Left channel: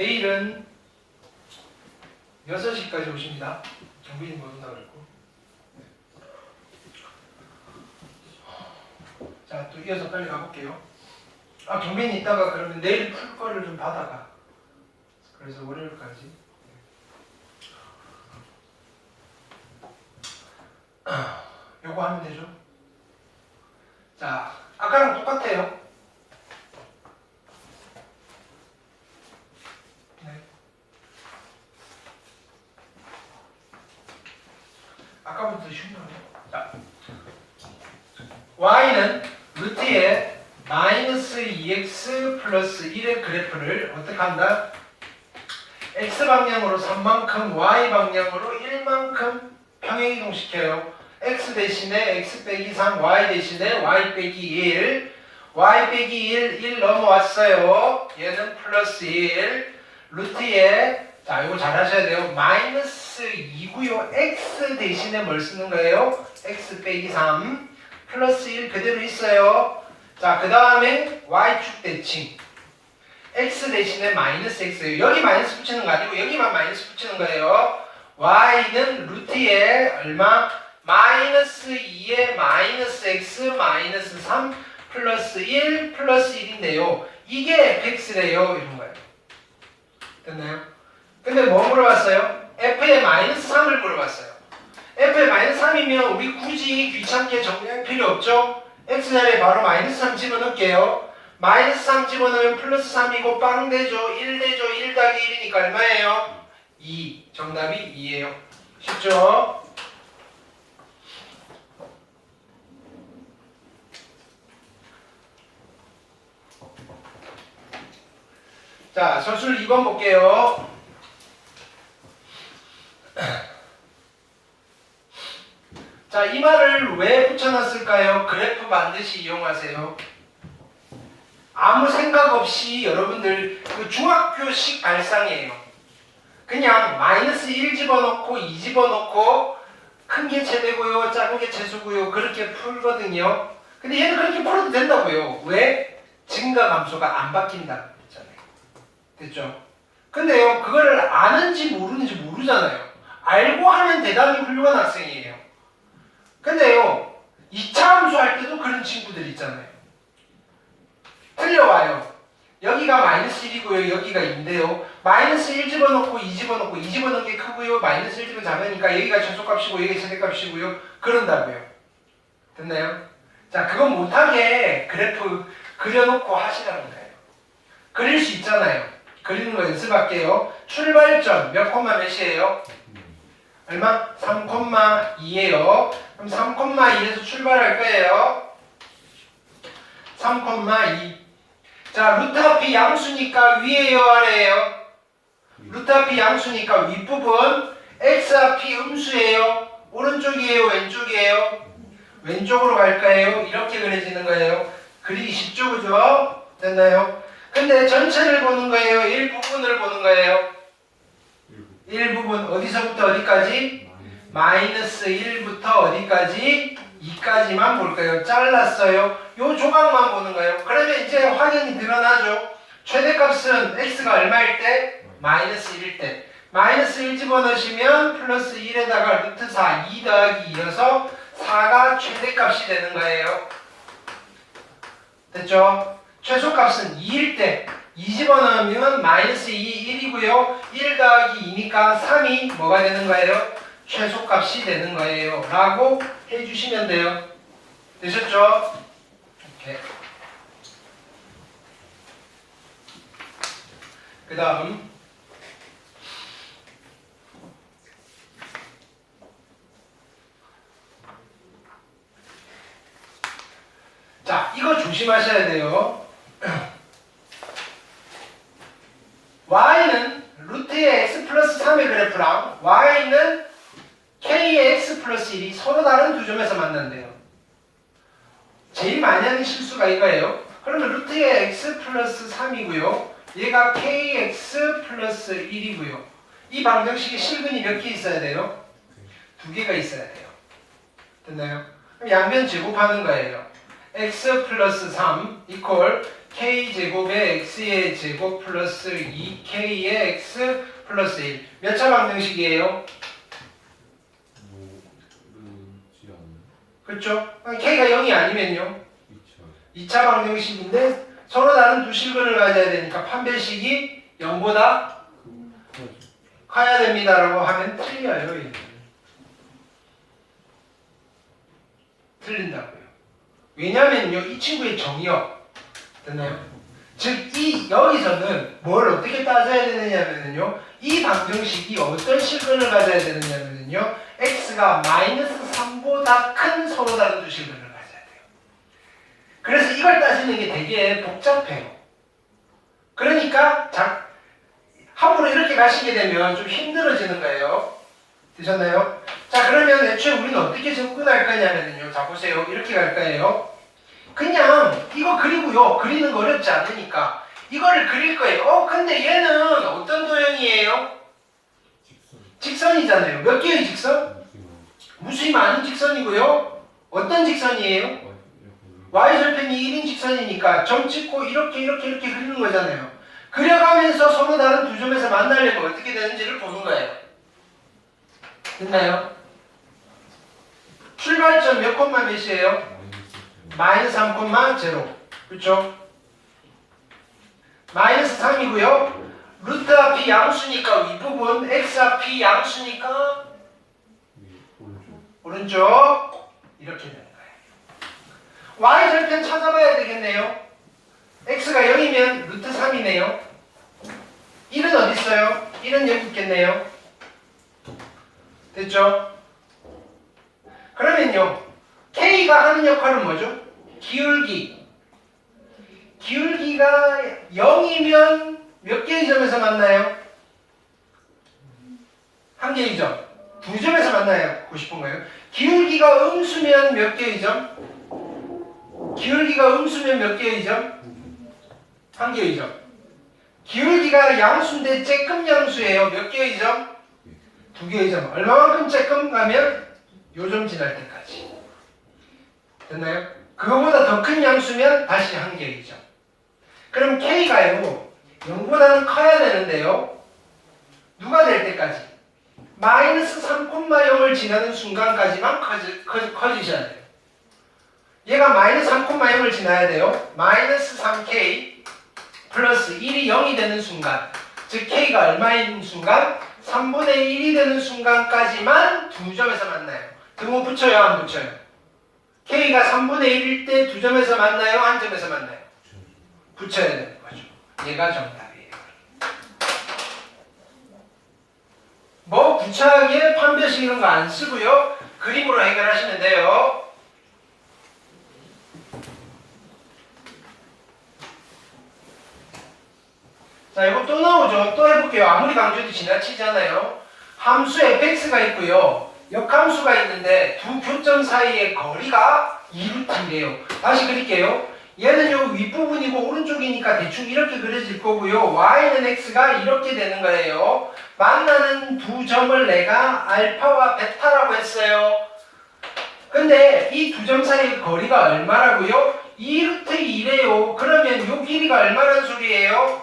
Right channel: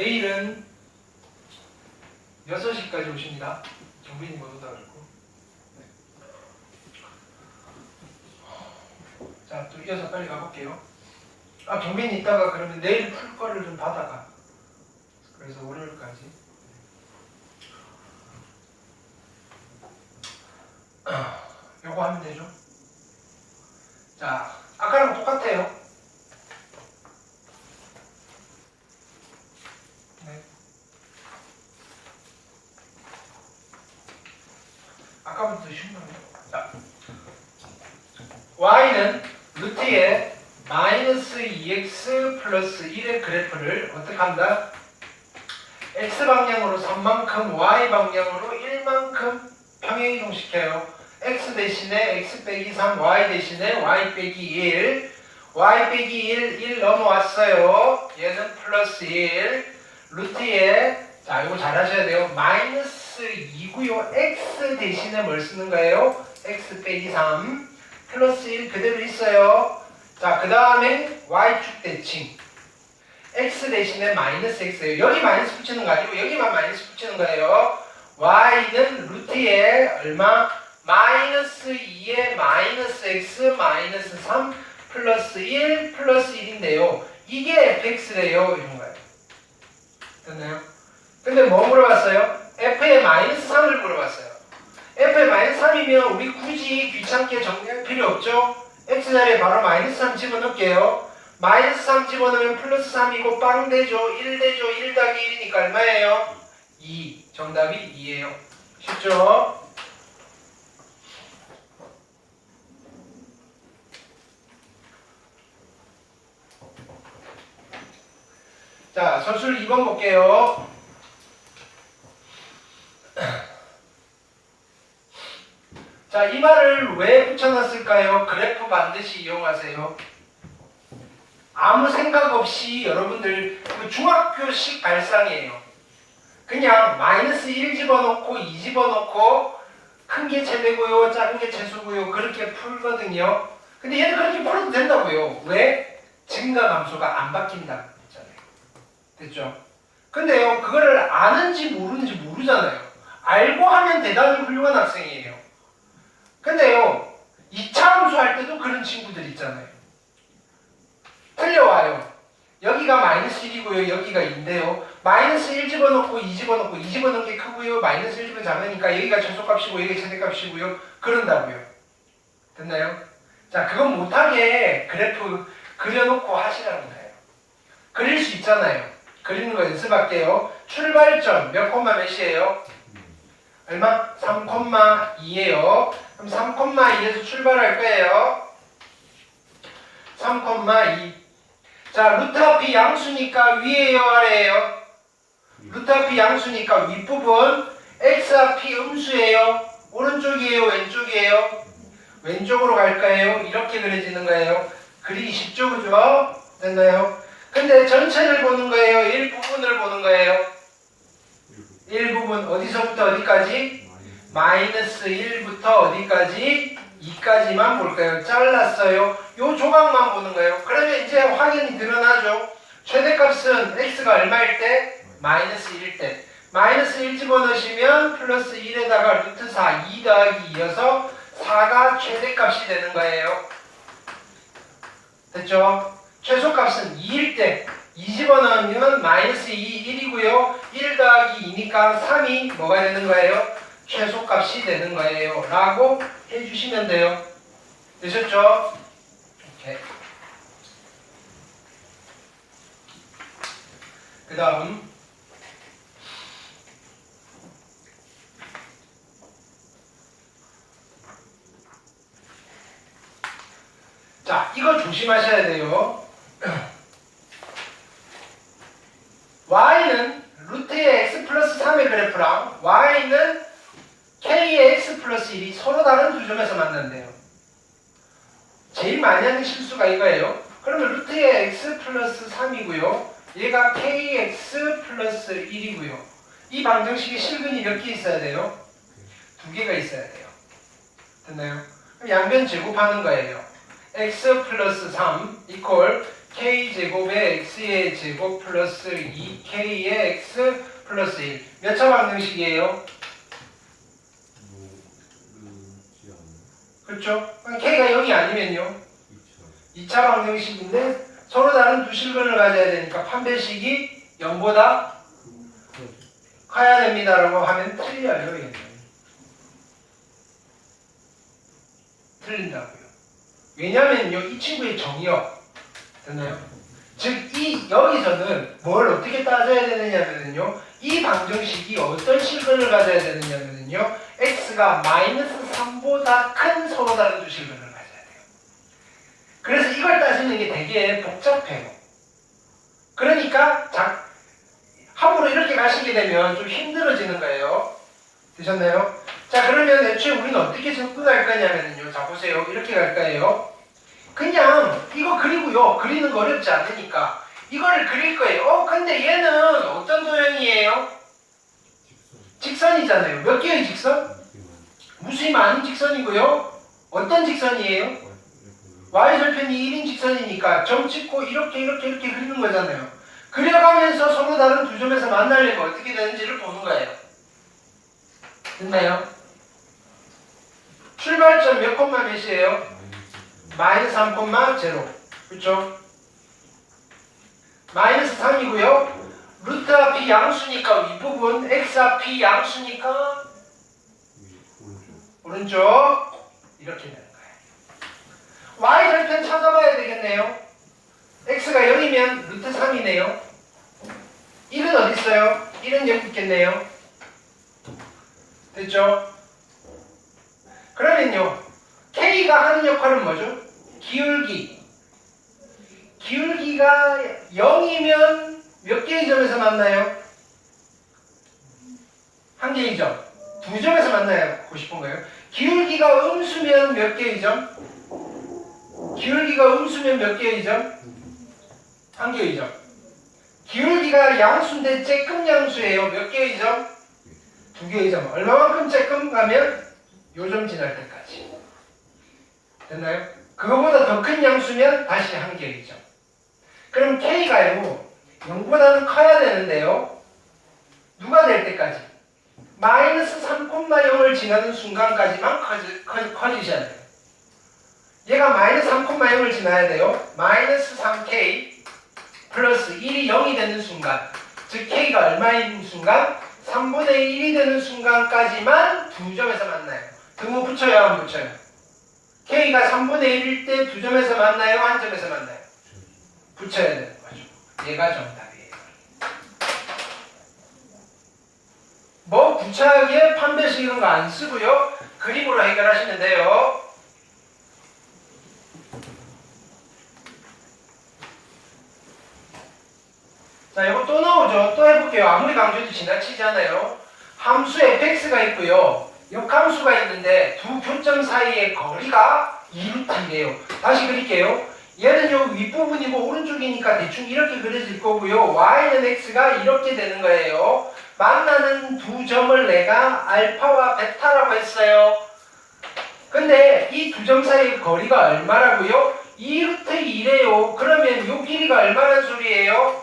내일은 6시까지 오십니다. 경빈이 못 온다 그랬고. 자, 또 이어서 빨리 가볼게요. 아, 경빈이 있다가 그러면 내일 풀 거를 좀 받아가. 그래서 월요일까지. 아, 요거 하면 되죠. 자, 아까랑 똑같아요. 쉬운 거예요. 자, y는 루트에 마이너스 2x 플러스 1의 그래프를 어떻게 한다? x 방향으로 3만큼, y 방향으로 1만큼 평행이동시켜요. x 대신에 x 빼기 3, y 대신에 y 빼기 1, y 빼기 1, 1 넘어왔어요. 얘는 플러스 1, 루트에 자 이거 잘 하셔야 돼요. 마이너스 2고요. x 대신에 뭘 쓰는 거예요? x 빼기 3, 플러스 1 그대로 있어요. 자, 그 다음에 y축 대칭. x 대신에 마이너스 x예요. 여기 마이너스 붙이는 거 아니고 여기만 마이너스 붙이는 거예요. y는 루트에 얼마? 마이너스 2에 마이너스 x 마이너스 3 플러스 1 플러스 1인데요. 이게 fx래요. 이런 거예요. 됐나요? 근데 뭐 물어봤어요? f의 마이너스 3을 물어봤어요. f의 마이너스 3이면 우리 굳이 귀찮게 정리할 필요 없죠? x 자리에 바로 마이너스 3 집어넣을게요. 마이너스 3 집어넣으면 플러스 3이고 빵 되죠. 1 되죠. 1 더하기 1이니까 얼마예요? 2. 정답이 2예요. 쉽죠? 자, 서술 2번 볼게요. 자, 이 말을 왜 붙여놨을까요? 그래프 반드시 이용하세요. 아무 생각 없이 여러분들 그 중학교식 발상이에요. 그냥 마이너스 1 집어넣고 2 집어넣고 큰게 최대고요, 작은 게 최소고요 그렇게 풀거든요. 근데 얘는 그렇게 풀어도 된다고요. 왜? 증가 감소가 안 바뀐다 했잖아요. 됐죠? 근데요, 그거를 아는지 모르는지 모르잖아요. 알고 하면 대단히 훌륭한 학생이에요. 근데요, 2차 함수할 때도 그런 친구들 있잖아요. 틀려와요. 여기가 마이너스 1이고요. 여기가 2인데요. 마이너스 1 집어넣고 2 집어넣고 2 집어넣은 게 크고요. 마이너스 1 집은 작으니까 여기가 최소값이고 여기가 최대값이고요. 그런다고요. 됐나요? 자, 그건 못하게 그래프 그려놓고 하시라는 거예요. 그릴 수 있잖아요. 그리는 거 연습할게요. 출발점 몇 콤마 몇이에요? 얼마? 3,2예요. 그럼 3,2에서 출발할 거예요. 3,2. 자, 루트 앞이 양수니까 위에요, 아래에요? 루트 앞이 양수니까 윗부분 x 앞이 음수예요. 오른쪽이에요, 왼쪽이에요? 왼쪽으로 갈까요? 이렇게 그려지는 거예요. 그리기 쉽죠, 그죠? 됐나요? 근데 전체를 보는 거예요? 일부분을 보는 거예요? 일부분 어디서부터 어디까지? 마이너스 1부터 어디까지? 2까지만 볼까요? 잘랐어요. 요 조각만 보는 거예요. 그러면 이제 확연히 드러나죠. 최대값은 x가 얼마일 때? 마이너스 1일 때. 마이너스 1 집어넣으시면 플러스 1에다가 루트 4, 2 더하기 2여서 4가 최대값이 되는 거예요. 됐죠? 최소값은 2일 때. 2 집어넣으면 마이너스 2, 1이고요. 1 더하기 2니까 3이 뭐가 되는 거예요? 최소값이 되는 거예요. 라고 해주시면 돼요. 되셨죠? 오케이. 그 다음. 자, 이거 조심하셔야 돼요. y는 루트의 x 플러스 3의 그래프랑 y는 k의 x 플러스 1이 서로 다른 두 점에서 만난대요. 제일 많이 하는 실수가 이거예요. 그러면 루트의 x 플러스 3이고요. 얘가 kx 플러스 1이고요. 이 방정식에 실근이 몇 개 있어야 돼요? 두 개가 있어야 돼요. 됐나요? 그럼 양변 제곱하는 거예요. x 플러스 3 이퀄 k제곱에 x의 제곱 플러스 2k의 x 플러스 1. 몇 차 방정식이에요? 그렇죠? k가 0이 아니면요. 2차 2차 방정식인데 서로 다른 두 실근을 가져야 되니까 판별식이 0보다 그 커야 됩니다라고 하면 틀려요. 틀린다고요. 왜냐면요, 이 친구의 정의요. 됐나요? 즉, 이, 여기서는 뭘 어떻게 따져야 되느냐면요, 이 방정식이 어떤 실근을 가져야 되느냐면요, x가 마이너스 3보다 큰 서로 다른 두 실근을 가져야 돼요. 그래서 이걸 따지는 게 되게 복잡해요. 그러니까, 자, 함부로 이렇게 가시게 되면 좀 힘들어지는 거예요. 되셨나요? 자, 그러면 애초에 우리는 어떻게 접근할 거냐면요. 자, 보세요. 이렇게 갈 거예요. 그냥 이거 그리고요. 그리는 거 어렵지 않으니까 이거를 그릴 거예요. 어, 근데 얘는 어떤 도형이에요? 직선 직선이잖아요. 몇 개의 직선? 그 무수히 많은 직선이고요. 어떤 직선이에요? y절편이 1인 직선이니까 점 찍고 이렇게 이렇게 이렇게 그리는 거잖아요. 그려가면서 서로 다른 두 점에서 만나려면 어떻게 되는지를 보는 거예요. 됐나요? 출발점 몇 콤마 몇이에요? 마이너스 마이너스 3,0 그렇죠? 마이너스 3이고요. 루트 앞이 양수니까 윗부분, x 앞이 양수니까 위 오른쪽 이렇게 되는 거예요. y 절편 찾아봐야 되겠네요. x가 0이면 루트 3이네요. 1은 어디 있어요? 1은 여기 있겠네요. 됐죠? 그러면요. k가 하는 역할은 뭐죠? 기울기. 기울기가 0이면 몇 개의 점에서 만나요? 한 개의 점. 두 점에서 만나요. 고 싶은 거예요. 기울기가 음수면 몇 개의 점? 기울기가 음수면 몇 개의 점? 한 개의 점. 기울기가 양수인데 쬐끔 양수예요. 몇 개의 점? 두 개의 점. 얼마만큼 쬐끔 가면 요점 지날 때까지. 됐나요? 그거보다 더 큰 양수면 다시 한 개의 점. 그럼 K가요. 0보다는 커야 되는데요. 누가 될 때까지? 마이너스 3,0을 지나는 순간까지만 커지, 커, 커지셔야 돼요. 얘가 마이너스 3,0을 지나야 돼요. 마이너스 3k 플러스 1이 0이 되는 순간, 즉 k가 얼마인 순간? 3분의 1이 되는 순간까지만 두 점에서 만나요. 등호 붙여요, 안 붙여요? K가 3분의 1일 때 두 점에서 만나요, 한 점에서 만나요? 붙여야 되는 거죠. 얘가 정답이에요. 뭐 구차하게 판별식 이런 거 안 쓰고요. 그림으로 해결하시면 돼요. 자, 이거 또 나오죠. 또 해볼게요. 아무리 강조해도 지나치잖아요. 함수 fx가 있고요. 역함수가 있는데 두 교점 사이의 거리가 2루트인데요. 다시 그릴게요. 얘는 요 윗부분이고 오른쪽이니까 대충 이렇게 그려질 거고요. y는 x가 이렇게 되는 거예요. 만나는 두 점을 내가 알파와 베타라고 했어요. 근데 이 두 점 사이의 거리가 얼마라고요? 2루트 2래요. 그러면 요 길이가 얼마란 소리예요?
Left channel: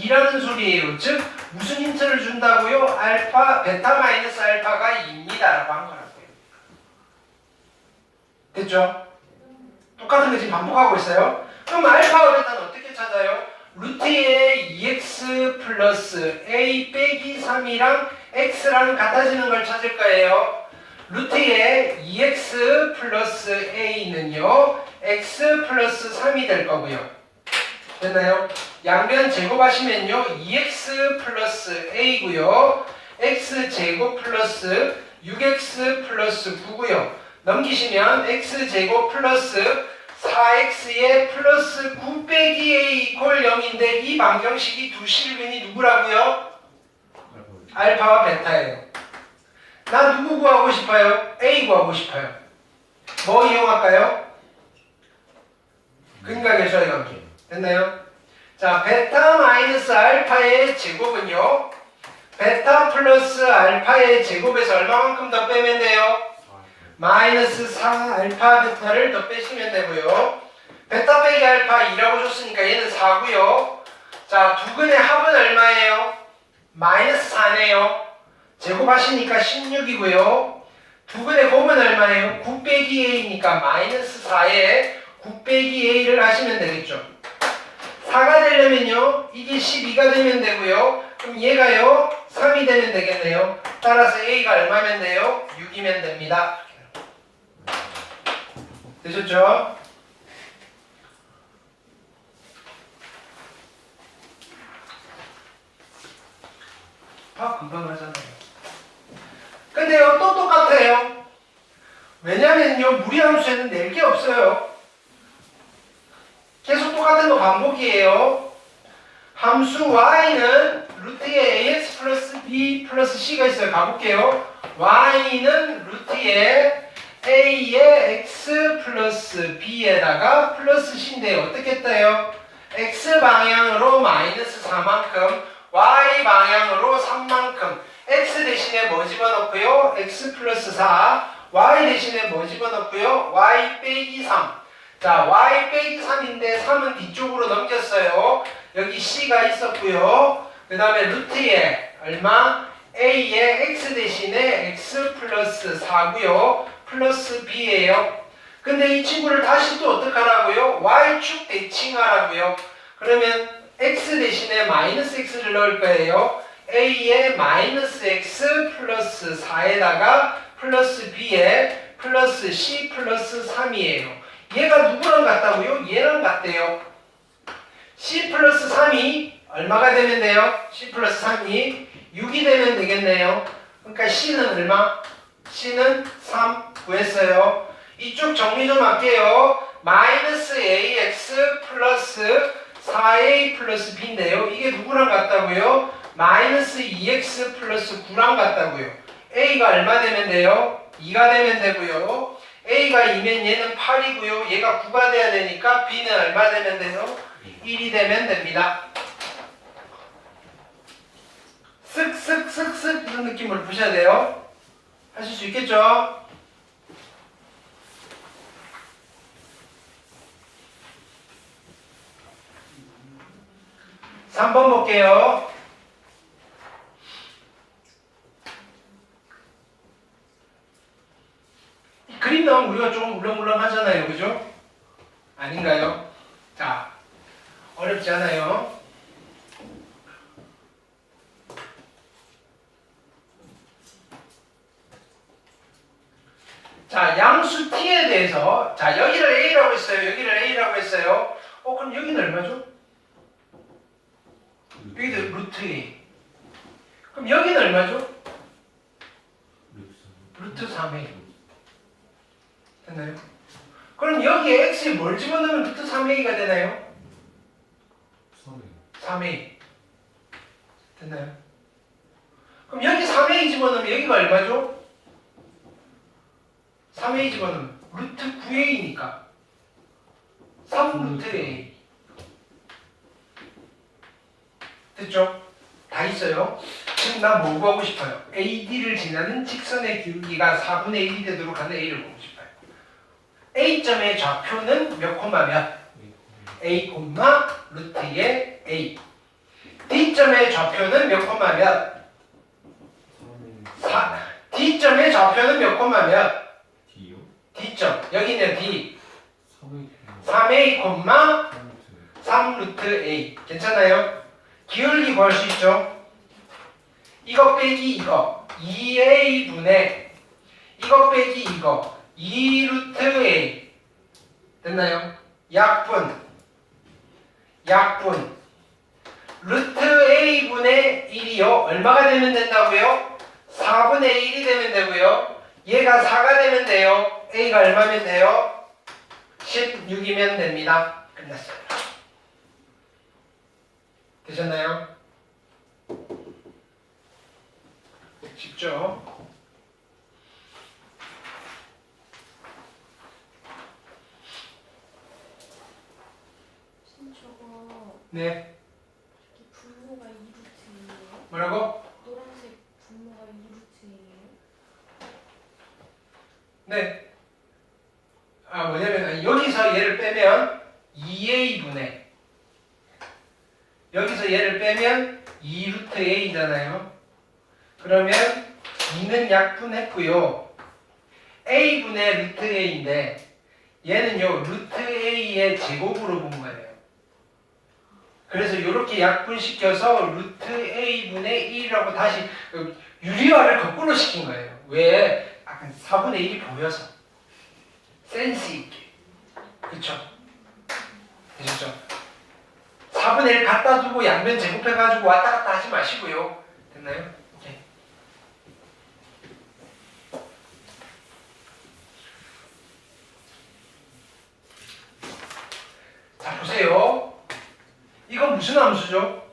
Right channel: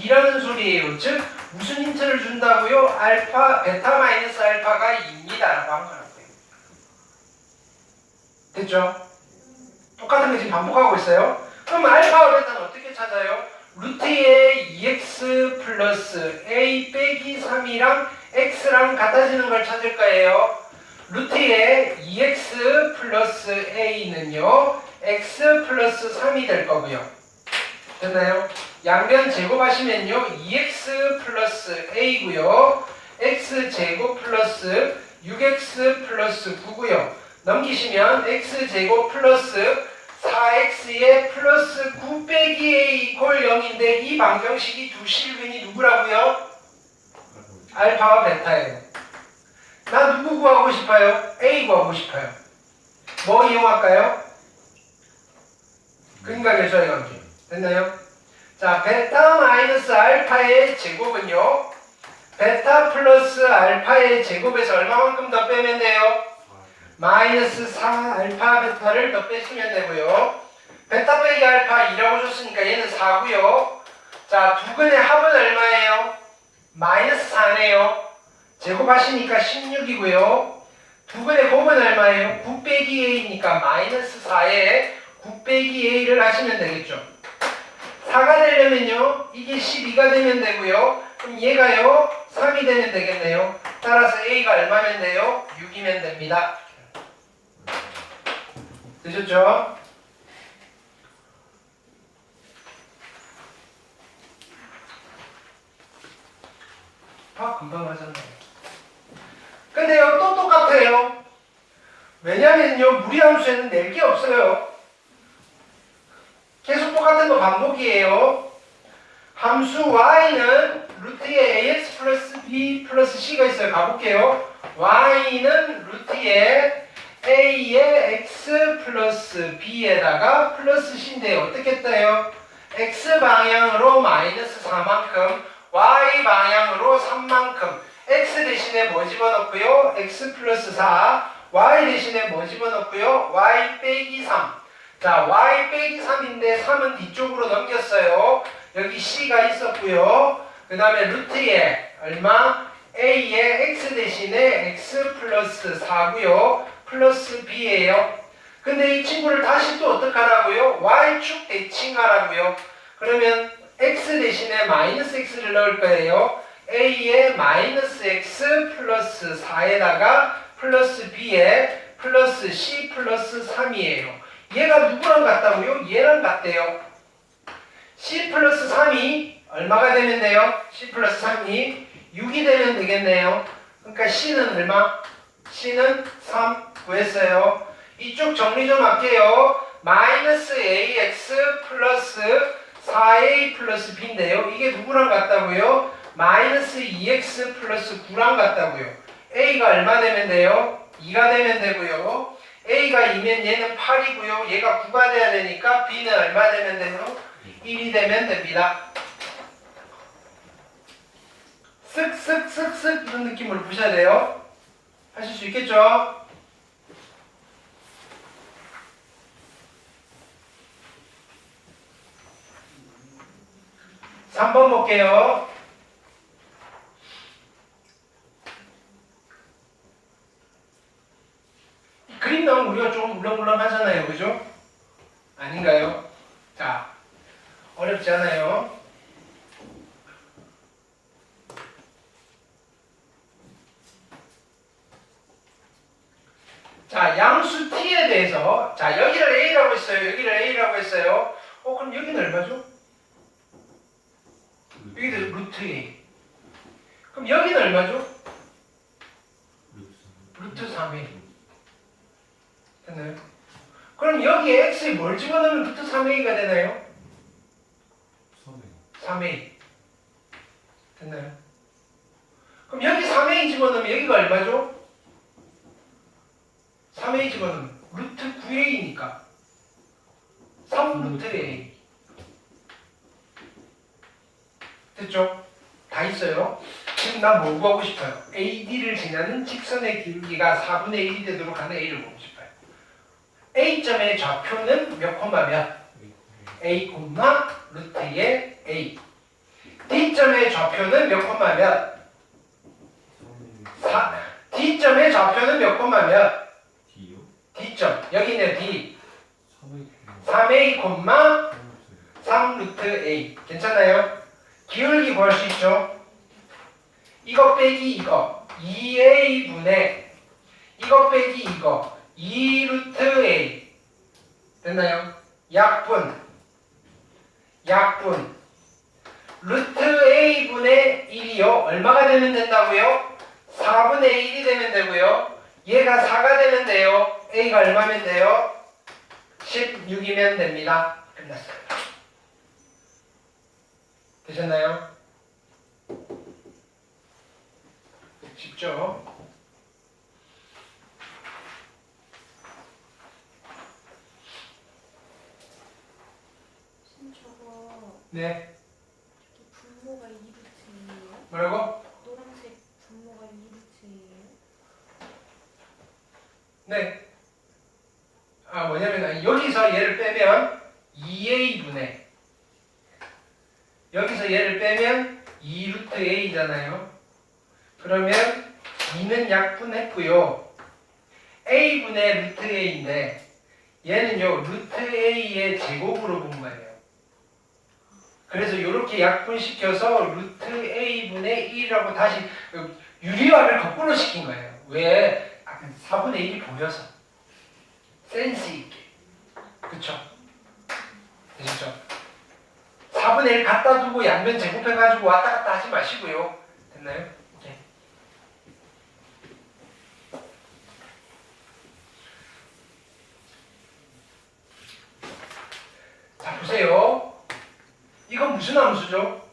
2라는 소리예요. 즉 무슨 힌트를 준다고요? 알파, 베타 마이너스 알파가 2 입니다라고 한 거라고요. 됐죠? 똑같은 거 지금 반복하고 있어요. 그럼 알파와 베타는 어떻게 찾아요? 루트의 2x 플러스 a 빼기 3이랑 x랑 같아지는 걸 찾을 거예요. 루트의 2x 플러스 a는요, x 플러스 3이 될 거고요. 됐나요? 양변 제곱하시면요, 2x 플러스 a고요, x 제곱 플러스 6x 플러스 9고요. 넘기시면 x 제곱 플러스 4x의 플러스 9 빼기 a 이퀄 0인데 이 방정식이 두 실근이 누구라고요? 알파와 베타예요. 나 누구 구하고 싶어요? a 구하고 싶어요. 뭐 이용할까요? 근각 계수의 관계. 됐나요? 자, 베타 마이너스 알파의 제곱은요. 베타 플러스 알파의 제곱에서 얼마만큼 더 빼면 돼요? 마이너스 4 알파 베타를 더 빼시면 되고요. 베타 빼기 알파 2라고 줬으니까 얘는 4고요. 자, 두 근의 합은 얼마예요? 마이너스 4네요. 제곱하시니까 16이고요. 두 근의 곱은 얼마예요? 9 빼기 a니까 마이너스 4에 9 빼기 a를 하시면 되겠죠. 4가 되려면요. 이게 12가 되면 되고요. 그럼 얘가요. 3이 되면 되겠네요. 따라서 a가 얼마면 돼요? 6이면 됩니다. 되셨죠? 아, 금방 하잖아요. 근데요, 또 똑같아요. 왜냐면요, 무리함수에는 낼 게 없어요. 계속 똑같은 거 반복이에요. 함수 y는 루트에 ax 플러스 b 플러스 c가 있어요. 가볼게요. y는 루트에 a에 x 플러스 b에다가 플러스 c인데 어떻게 했다요? x 방향으로 마이너스 4만큼 y 방향으로 3만큼 x 대신에 뭐 집어넣고요? x 플러스 4 y 대신에 뭐 집어넣고요? y 빼기 3 자, y 빼기 3인데 3은 뒤쪽으로 넘겼어요. 여기 c가 있었고요. 그 다음에 루트에 얼마? a에 x 대신에 x 플러스 4고요. 플러스 b예요. 근데 이 친구를 다시 또 어떡하라고요? y축 대칭하라고요. 그러면 x 대신에 마이너스 x를 넣을 거예요. a에 마이너스 x 플러스 4에다가 플러스 b에 플러스 c 플러스 3이에요. 얘가 누구랑 같다고요? 얘랑 같대요. C 플러스 3이 얼마가 되면 돼요? C 플러스 3이 6이 되면 되겠네요. 그러니까 C는 얼마? C는 3 구했어요. 이쪽 정리 좀 할게요. 마이너스 AX 플러스 4A 플러스 B인데요. 이게 누구랑 같다고요? 마이너스 2X 플러스 9랑 같다고요. A가 얼마 되면 돼요? 2가 되면 되고요. A가 2면 얘는 8이고요. 얘가 9가 돼야 되니까 B는 얼마 되면 돼요? 1이 되면 됩니다. 쓱쓱쓱쓱 이런 느낌으로 보셔야 돼요. 하실 수 있겠죠? 삼 번 볼게요. 그림 나오면 우리가 조금 물렁물렁 하잖아요. 그죠? 아닌가요? 자, 어렵지 않아요. 자, 양수 t에 대해서 자, 여기를 a라고 했어요. 여기를 a라고 했어요. 어, 그럼 여기는 얼마죠? 여기도 루트 a. 그럼 여기는 얼마죠? 루트 3a. 됐나요? 그럼 여기에 x에 뭘 집어넣으면 루트 3a가 되나요? 3a. 됐나요? 그럼 여기 3a 집어넣으면 여기가 얼마죠? 3a 집어넣으면 루트 9a니까 3 루트 a. 됐죠? 다 있어요. 지금 나 뭐 구하고 싶어요? AD를 지나는 직선의 기울기가 4분의 1이 되도록 하는 A를 보고 싶어요. A점의 좌표는 몇 콤마 몇? A 콤마 루트의 A. D점의 좌표는 몇 콤마 몇? 4. D점의 좌표는 몇 콤마 몇? D점. 여기는 D. 3의 3A 콤마 3 루트 3 루트 A. 괜찮아요? 기울기 구할 수 있죠? 이거 빼기 이거 2A분의 이거 빼기 이거 2 루트 A 됐나요? 약분 약분 루트 A분의 1이요 얼마가 되면 된다고요? 4분의 1이 되면 되고요 얘가 4가 되면 돼요 A가 얼마면 돼요? 16이면 됩니다 끝났어요 되셨나요? 쉽죠? 네 분모가 2루트예요? 뭐라고? 노란색 분모가 2루트예요? 네. 아 뭐냐면 여기서 얘를 빼면 2a분의 여기서 얘를 빼면 2루트 a잖아요. 그러면 2는 약분했고요. a분의 루트 a인데 얘는요 루트 a의 제곱으로 본 거예요. 그래서 이렇게 약분시켜서 루트 a분의 1이라고 다시 그 유리화를 거꾸로 시킨 거예요. 왜? 약간 4분의 1이 보여서 센스 있게 그쵸? 되셨죠? 4분의 1 갖다 두고 양면 제곱해가지고 왔다 갔다 하지 마시고요. 됐나요? 네. 자 보세요. 이건 무슨 함수죠?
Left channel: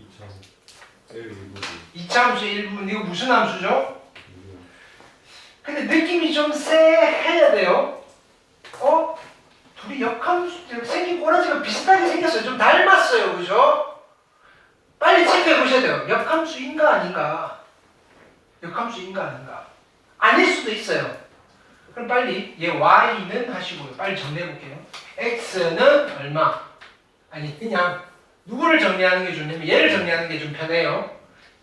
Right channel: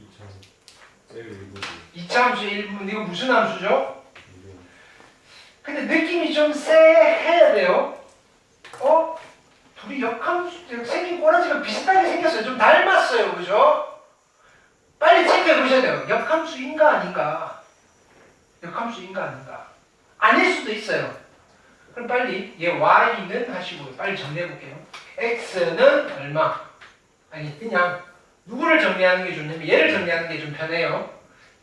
2차 L 1부 2차 함수 1분 이거 무슨 함수죠? 2부 근데 느낌이 좀 쎄해야 돼요. 어? 둘이 역함수 생긴 꼬라지가 비슷하게 생겼어요. 좀 닮았어요. 그죠? 빨리 체크해 보셔야 돼요. 역함수인가 아닌가? 역함수인가 아닌가? 아닐 수도 있어요. 그럼 빨리 얘 y는 하시고요. 빨리 정리해 볼게요. x는 얼마? 아니 그냥 누구를 정리하는 게 좋냐면 얘를 정리하는 게 좀 편해요.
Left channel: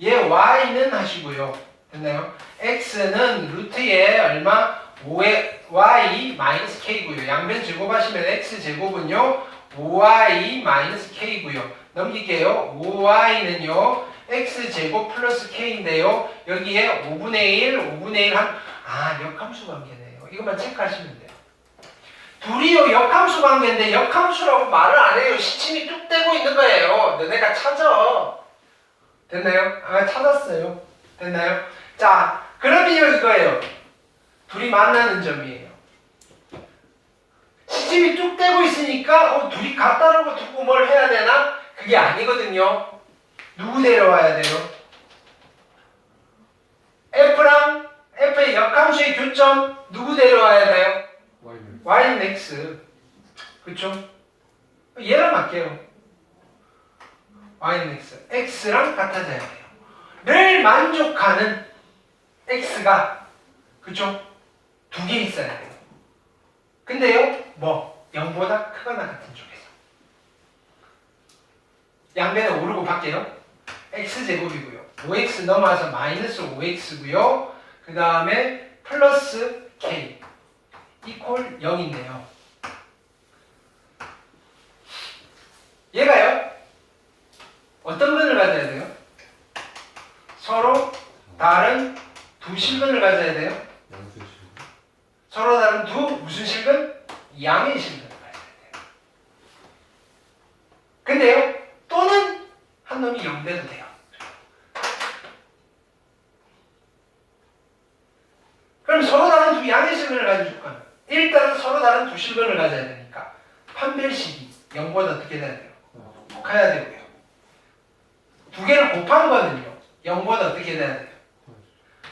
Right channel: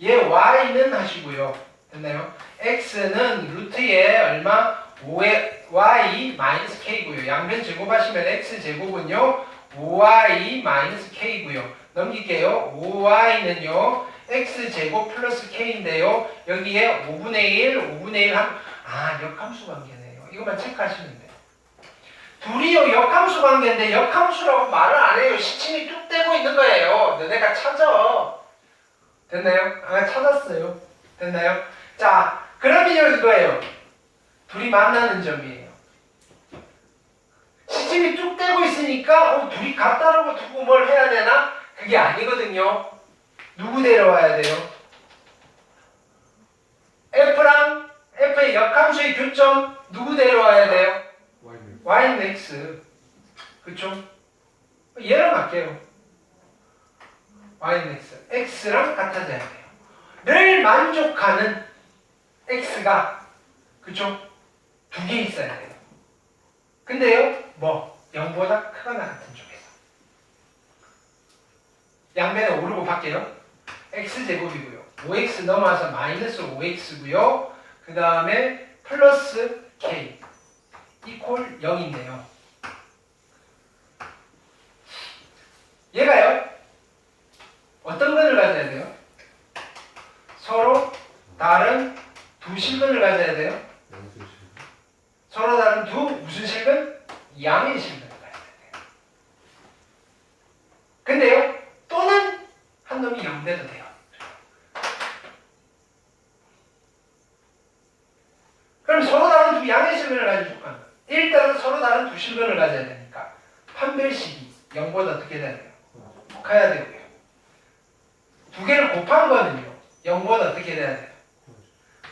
얘 y는 하시고요. 됐나요? X는 루트에 얼마? 5의 y 마이너스 k고요. 양변 제곱하시면 x 제곱은요 5y 마이너스 k고요. 넘길게요. 5y는요 x 제곱 플러스 k인데요. 여기에 5분의 1, 5분의 1 함. 아 역함수 관계네요. 이것만 체크하시면 돼요. 둘이요 역함수 관계인데 역함수라고 말을 안 해요. 시침이 뚝 떼고 있는 거예요. 너네가 찾아. 됐나요? 아 찾았어요. 됐나요? 자, 그러면 이거예요. 둘이 만나는 점이에요. 시침이 쭉 떼고 있으니까 어, 둘이 같다라고 두고 뭘 해야 되나? 그게 아니거든요. 누구 데려와야 돼요? F랑 F의 역함수의 교점 누구 데려와야 돼요? Y는 X. 그쵸? 얘랑 맞게요. Y는 X. X랑 같아져야 돼요. 늘 만족하는 X가 그쵸? 두 개 있어야 돼요. 근데요, 뭐 0보다 크거나 같은 쪽에서 양변에 오르고 밖에요. X 제곱이고요. 5X 넘어와서 마이너스 5X고요. 그 다음에 플러스 K 이퀄 0인데요. 얘가요. 어떤 근을 가져야 돼요? 서로 다른 두 실근을 가져야 돼요. 서로 다른 두 무슨 실근? 양의 실근을 가져야 돼요. 근데요, 또는 한 놈이 0돼도 돼요. 그럼 서로 다른 두 양의 실근을 가지고 아, 일단은 서로 다른 두 실근을 가져야 되니까 판별식이 0보다 어떻게 돼야 돼요? 커야 되고요. 두 개를 곱한 거는요, 0보다 어떻게 돼야 돼요?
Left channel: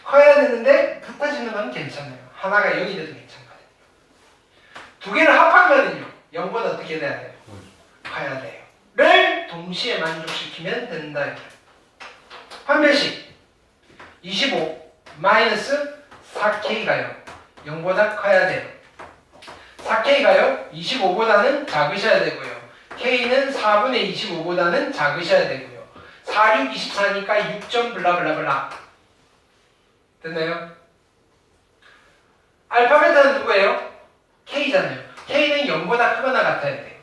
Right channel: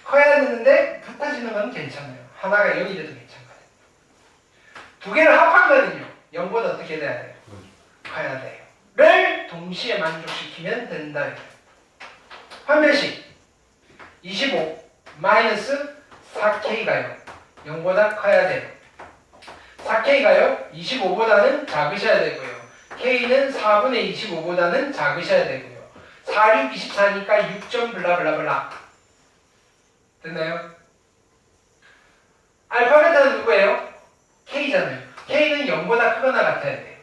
커야 되는데 붙어지는 건 괜찮아요. 하나가 0이 돼도 괜찮거든요. 두 개를 합한 거는요, 0보다 어떻게 돼야 돼요? 커야 돼요. 를 동시에 만족시키면 된다. 판별식 25 마이너스 4K가요. 0보다 커야 돼요. 4K가요. 25보다는 작으셔야 되고요. K는 4분의 25보다는 작으셔야 되고요. 4, 6, 24니까 6점 블라블라블라. 됐나요? 알파벳은 누구예요? K잖아요. K는 0보다 크거나 같아야 돼요.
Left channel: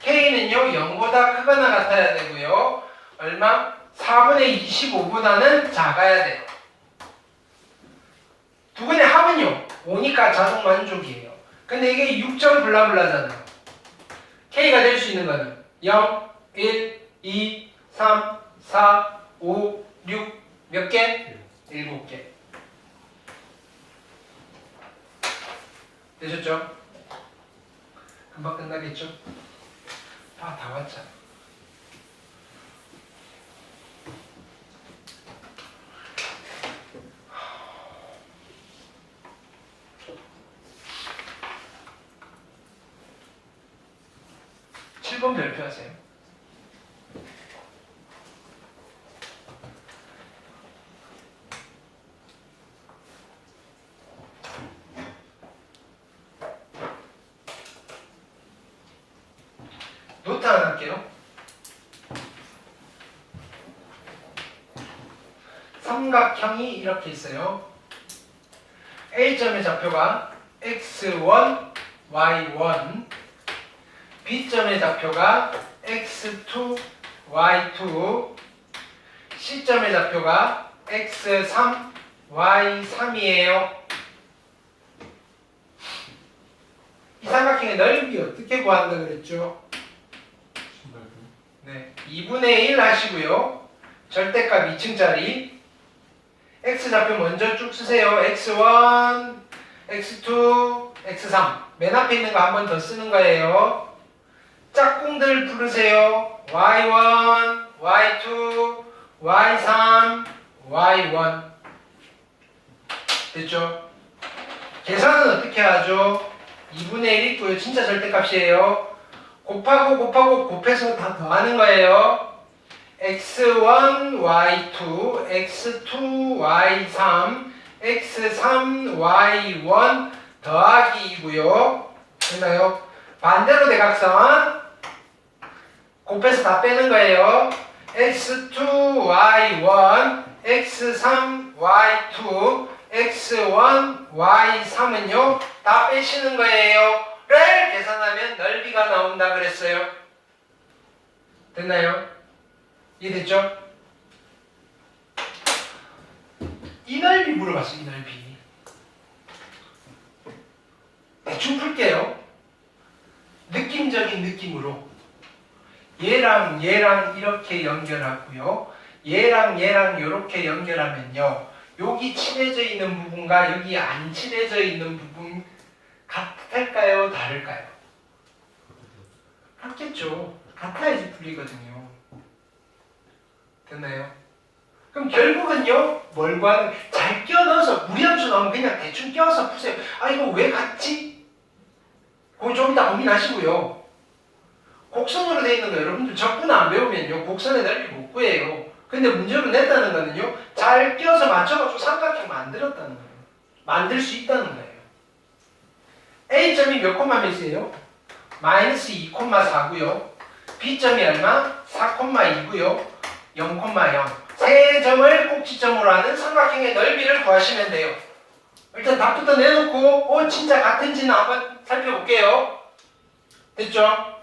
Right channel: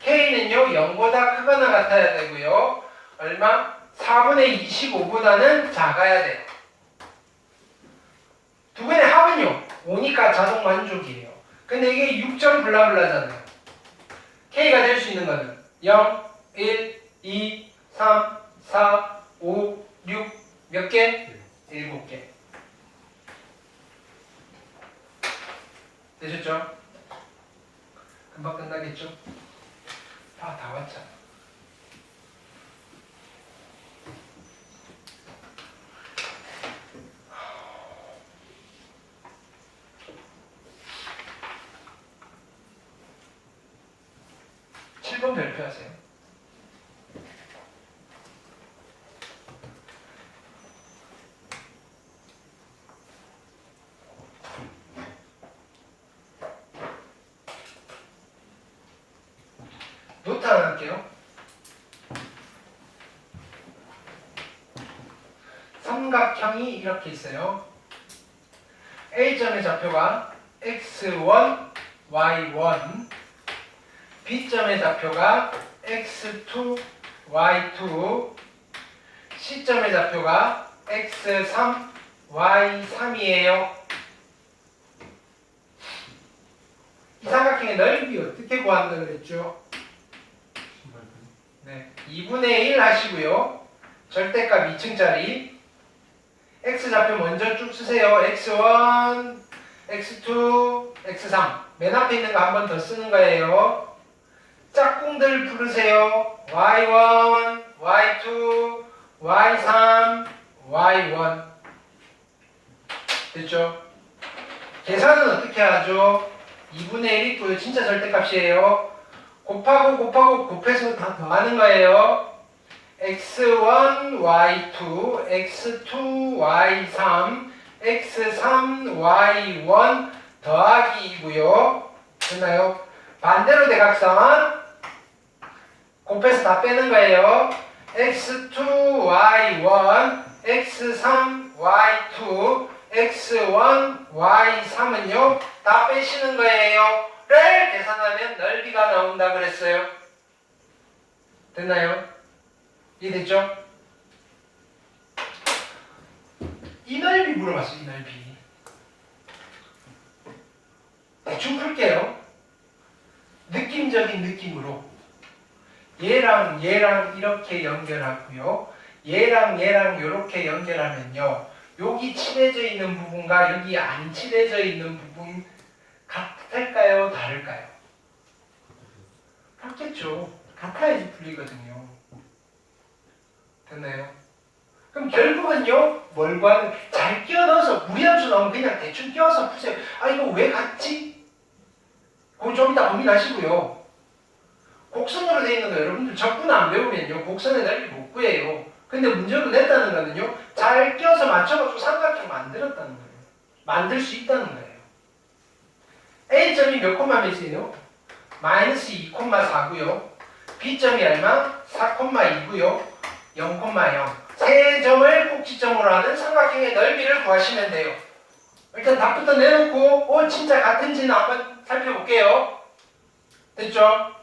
K는요 0보다 크거나 같아야 되고요. 얼마? 4분의 25보다는 작아야 돼요. 두 분의 합은요 5니까 자동 만족이에요. 근데 이게 6점 블라블라잖아요. K가 될 수 있는 거는 0, 1, 2, 3, 4, 5, 6 몇 개? 7개. 되셨죠? 금방 끝나겠죠? 다, 다 왔잖아. 칠번 별표하세요. 계산할게요. 삼각형이 이렇게 있어요. A점의 좌표가 x1, y1, B점의 좌표가 x2, y2, C점의 좌표가 x3, y3이에요. 이 삼각형의 넓이 어떻게 구한다 그랬죠? 네, 2분의 1 하시고요. 절대값 2층짜리. X 좌표 먼저 쭉 쓰세요. x1, x2, x3. 맨 앞에 있는 거 한 번 더 쓰는 거예요. 짝꿍들 부르세요. y1, y2, y3, y1. 됐죠? 계산은 어떻게 하죠? 2분의 1 있고요. 진짜 절대값이에요. 곱하고 곱하고 곱해서 다 더하는 거예요. X1, y2, x2, y3, x3, y1 더하기이고요. 됐나요? 반대로 대각선 곱해서 다 빼는 거예요. x2, y1, x3, y2, x1, y3은요 다 빼시는 거예요. 를 계산하면 넓이가 나온다 그랬어요. 됐나요? 이해됐죠? 이 넓이 물어봤어요. 이 넓이. 대충 풀게요. 느낌적인 느낌으로 얘랑 얘랑 이렇게 연결하고요. 얘랑 얘랑 이렇게 연결하면요. 여기 칠해져 있는 부분과 여기 안 칠해져 있는 부분 같을까요? 다를까요? 같겠죠. 같아야지 풀리거든요. 됐나요? 그럼 결국은요, 뭘 구하는, 잘 끼워 넣어서, 무리함수 나오면 그냥 대충 끼워서 푸세요. 아, 이거 왜 같지? 그거 좀 이따 고민하시고요. 곡선으로 돼 있는 거 여러분들 적분 안 배우면요, 곡선의 넓이 못 구해요. 근데 문제로 냈다는 거는요, 잘 끼워서 맞춰가지고 삼각형 만들었다는 거예요. 만들 수 있다는 거예요. A점이 몇 콤마 몇이에요? 마이너스 2콤마4고요. B점이 얼마? 4콤마2고요. 0콤마0. 세 점을 꼭지점으로 하는 삼각형의 넓이를 구하시면 돼요. 일단 답부터 내놓고 어 진짜 같은지는 한번 살펴볼게요. 됐죠?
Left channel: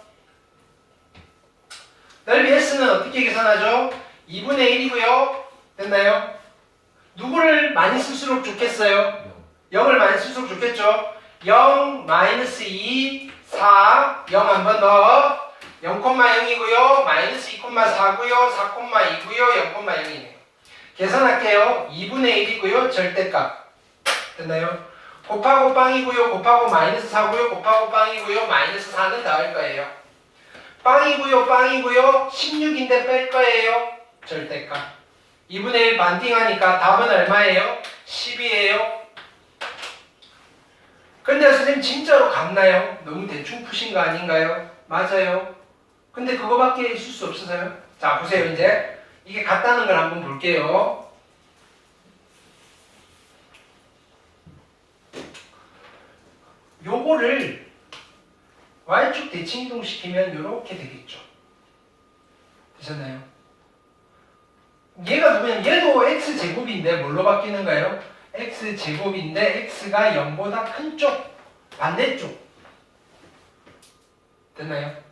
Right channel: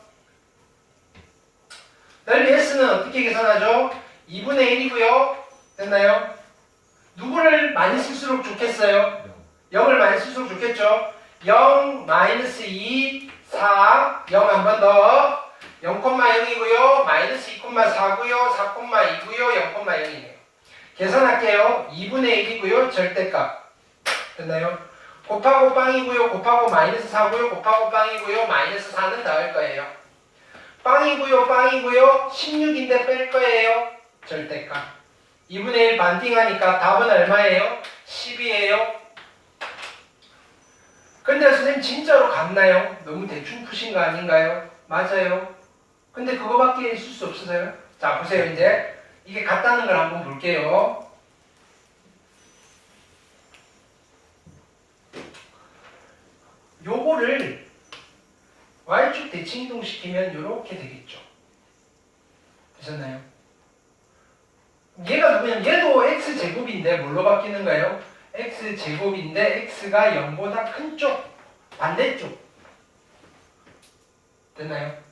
넓이 S는 어떻게 계산하죠? 2분의 1이고요. 됐나요? 누구를 많이 쓸수록 좋겠어요? 0을 많이 쓸수록 좋겠죠? 0, 마이너스 2, 4, 0 한 번 더. 0,0이고요. 마이너스 2,4고요. 4,2고요. 0,0이네요. 계산할게요. 2분의 1이고요. 절대값. 됐나요? 곱하고 빵이고요. 곱하고 마이너스 4고요. 곱하고 빵이고요. 마이너스 4는 더할 거예요. 빵이고요. 빵이고요. 16인데 뺄 거예요. 절대값. 2분의 1 반띵하니까 답은 얼마예요? 10이에요. 근데 선생님 진짜로 같나요? 너무 대충 푸신 거 아닌가요? 맞아요. 근데 그거밖에 있을 수 없어서요. 자 보세요 이제 이게 같다는 걸 한번 볼게요. 요거를 y축 대칭 이동시키면 이렇게 되겠죠. 되셨나요? 얘가 누구냐면 얘도 x 제곱인데 뭘로 바뀌는가요? x 제곱인데 x가 0보다 큰 쪽, 반대쪽. 됐나요?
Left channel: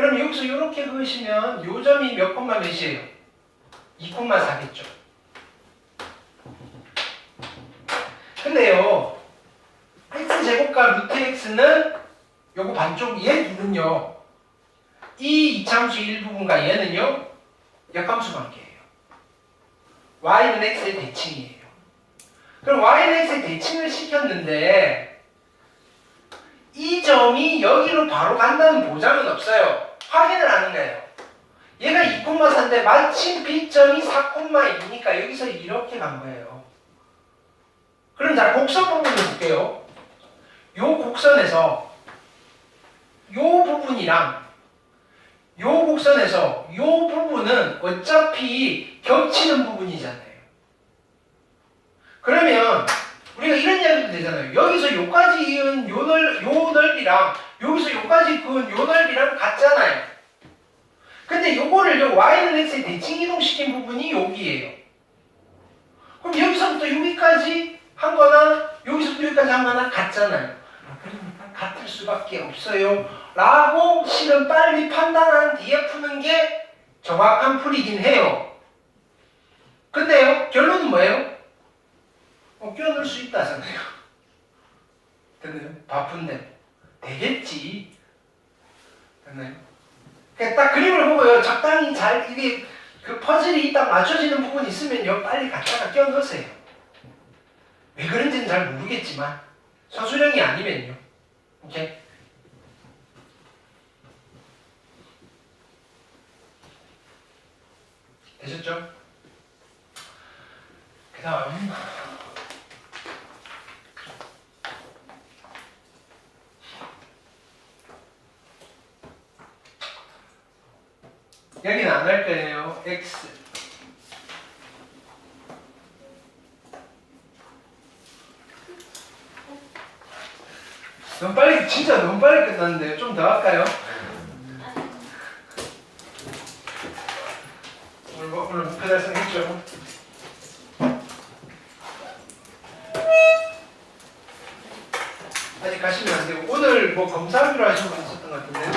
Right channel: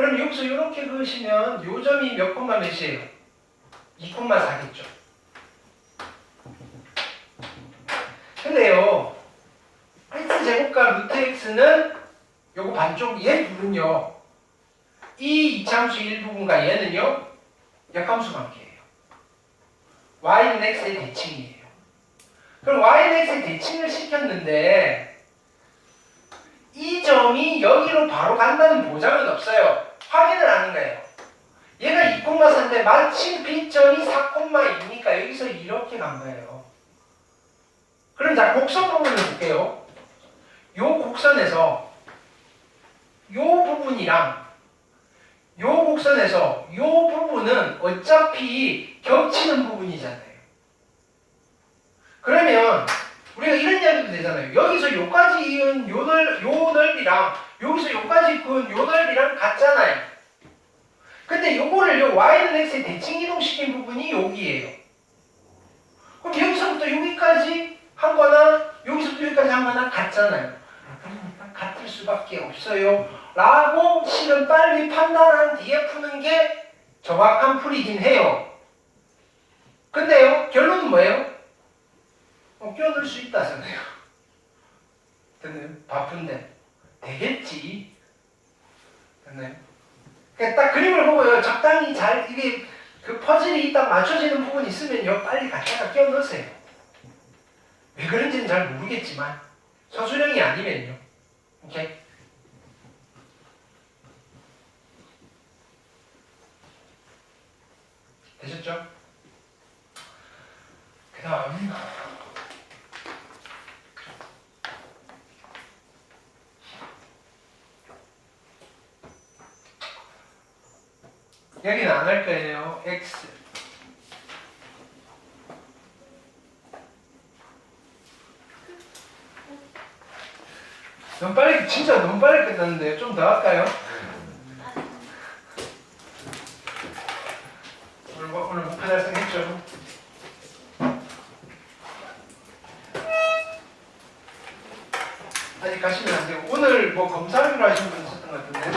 그럼 여기서 이렇게 그으시면 요 점이 몇 콤마 몇이에요? 2 콤마 4겠죠. 근데요, x 제곱과 루트 x는 요거 반쪽 얘 둘은요, 이 이참수 일부분과 얘는요, 역함수 관계예요. y는 x의 대칭이에요. 그럼 y는 x의 대칭을 시켰는데 이 점이 여기로 바로 간다는 보장은 없어요. 확인을 하는 거예요. 얘가 2,4인데 마침 B점이 4,2니까 여기서 이렇게 간 거예요. 그럼 자 곡선 부분을 볼게요. 요 곡선에서 요 부분이랑 요 곡선에서 요 부분은 어차피 겹치는 부분이잖아요. 그러면 우리가 이런 이야기도 되잖아요. 여기서 요까지 이은 요, 넓, 요 넓이랑 여기서 여기까지 그요 넓이랑 같잖아요. 근데 요거를 요 y는 x에 대칭 이동시킨 부분이 여기예요. 그럼 여기서부터 여기까지 한 거나 여기서부터 여기까지 한 거나 같잖아요. 아, 그러니까 같을 수밖에 없어요. 라고 실은 빨리 판단한 뒤에 푸는 게 정확한 풀이긴 해요. 근데요, 결론은 뭐예요? 어, 끼어넣을 수 있다잖아요. 됐나요? 바쁜데. 되겠지. 됐나요? 그러니까 딱 그림을 보고요. 적당히 잘, 이게 그 퍼즐이 딱 맞춰지는 부분이 있으면요. 빨리 갖다가 끼워 넣으세요. 왜 그런지는 잘 모르겠지만, 서술형이 아니면요. 오케이? 되셨죠? 그 다음. 여기는 안할 거예요. x. 너무 빨리, 진짜 너무 빨리 끝났는데요. 좀 더 할까요? 오늘, 뭐- 오늘 목표 달성했죠? 아직 가시면 안 되고 오늘 뭐 검사하기로 하신 분 있었던 것 같은데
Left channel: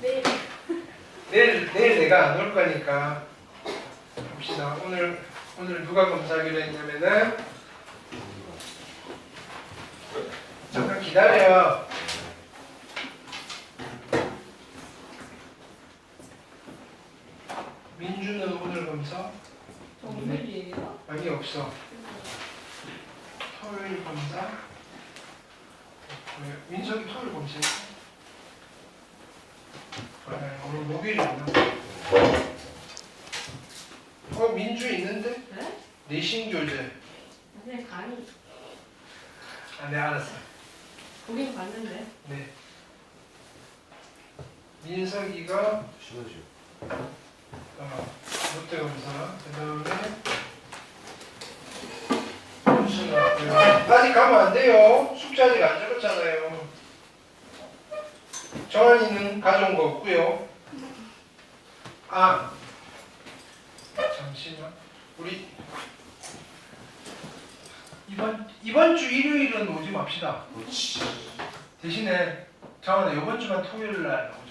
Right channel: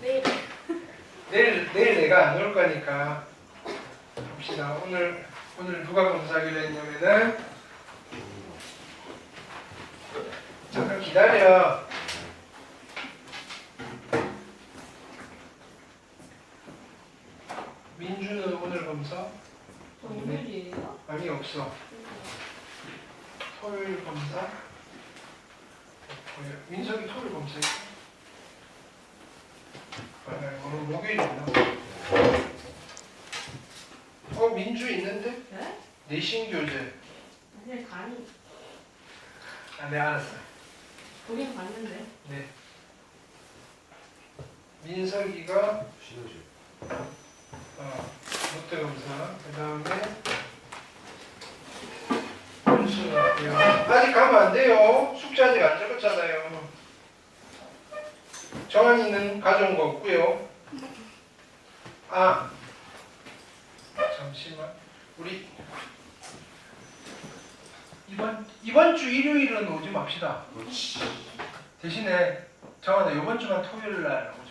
내일 내일 내일 내가 안 올 거니까 봅시다 오늘 오늘 누가 검사하기로 했냐면은 잠깐 기다려 민주는 오늘 검사? 저 오늘이에요? 아니 없어. 토요일 검사? 민석이 토요일 검사 아니 오늘 목요일이구나. 어 민주 있는데? 네? 내신 교재. 그냥 간이. 아 네 알았어. 거긴 봤는데. 네. 민석이가 시너지. 어, 롯데 검사 그 다음에 윤수 나왔고요 아직 가면 안 돼요. 숙제 아직 안 적었잖아요. 정한이는 가져온 거 없고요. 아 잠시만. 우리 이번 이번 주 일요일은 오지 맙시다. 그렇지. 대신에 정한아 이번 주만 토요일 날 오자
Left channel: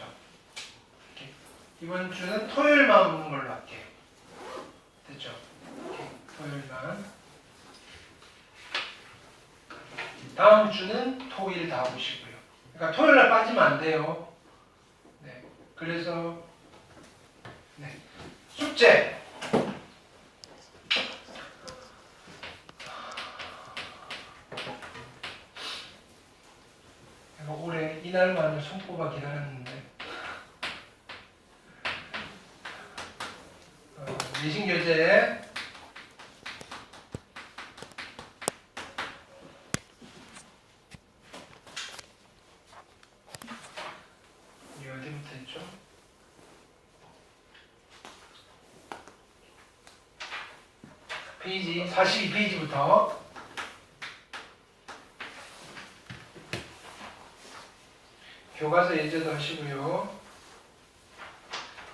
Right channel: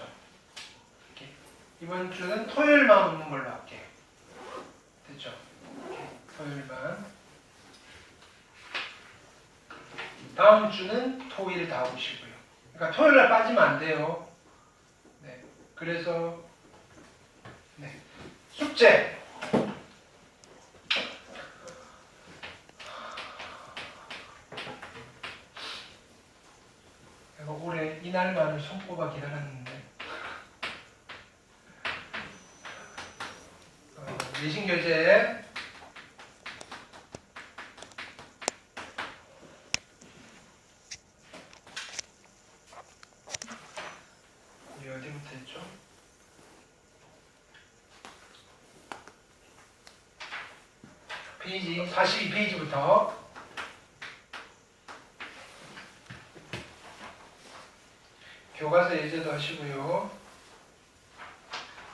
이번 주는 토요일만 오는 걸로 할게요 됐죠? 토요일만. 다음 주는 토일 다 오시고요. 그러니까 토요일 날 빠지면 안 돼요. 네. 그래서 네. 숙제. 올해 이날만을 손꼽아 기다렸는데 어, 내신 교재 이 어디부터 했죠? 페이지 42페이지부터 교과서 예제도 하시고요.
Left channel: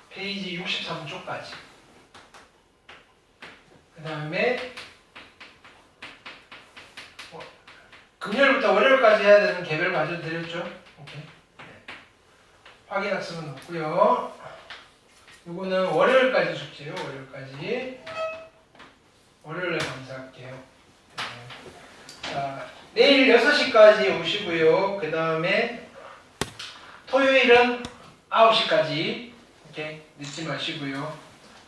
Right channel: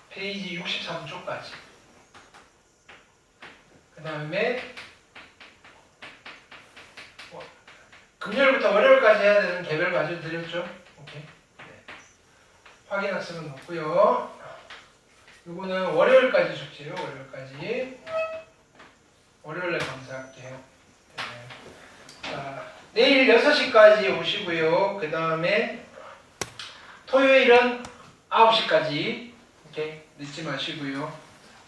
페이지 63쪽까지. 그 다음에 어, 금요일부터 월요일까지 해야 되는 개별 과제 드렸죠? 오케이. 네. 확인 학습은 없고요. 요거는 월요일까지 숙제요. 월요일까지. 월요일에 감사할게요. 네. 자, 내일 6시까지 오시고요. 그 다음에 토요일은 9시까지 이렇게 늦지 마시고요.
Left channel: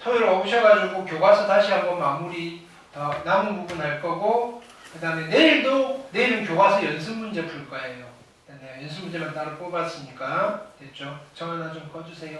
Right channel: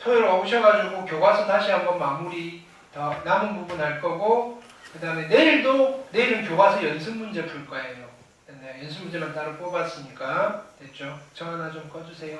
토요일 오셔가지고 교과서 다시 한번 마무리 더 남은 부분 할 거고 그 다음에 내일도 내일은 교과서 연습 문제 풀 거예요. 네, 연습 문제만 따로 뽑았으니까 됐죠? 정 하나 좀 꺼주세요.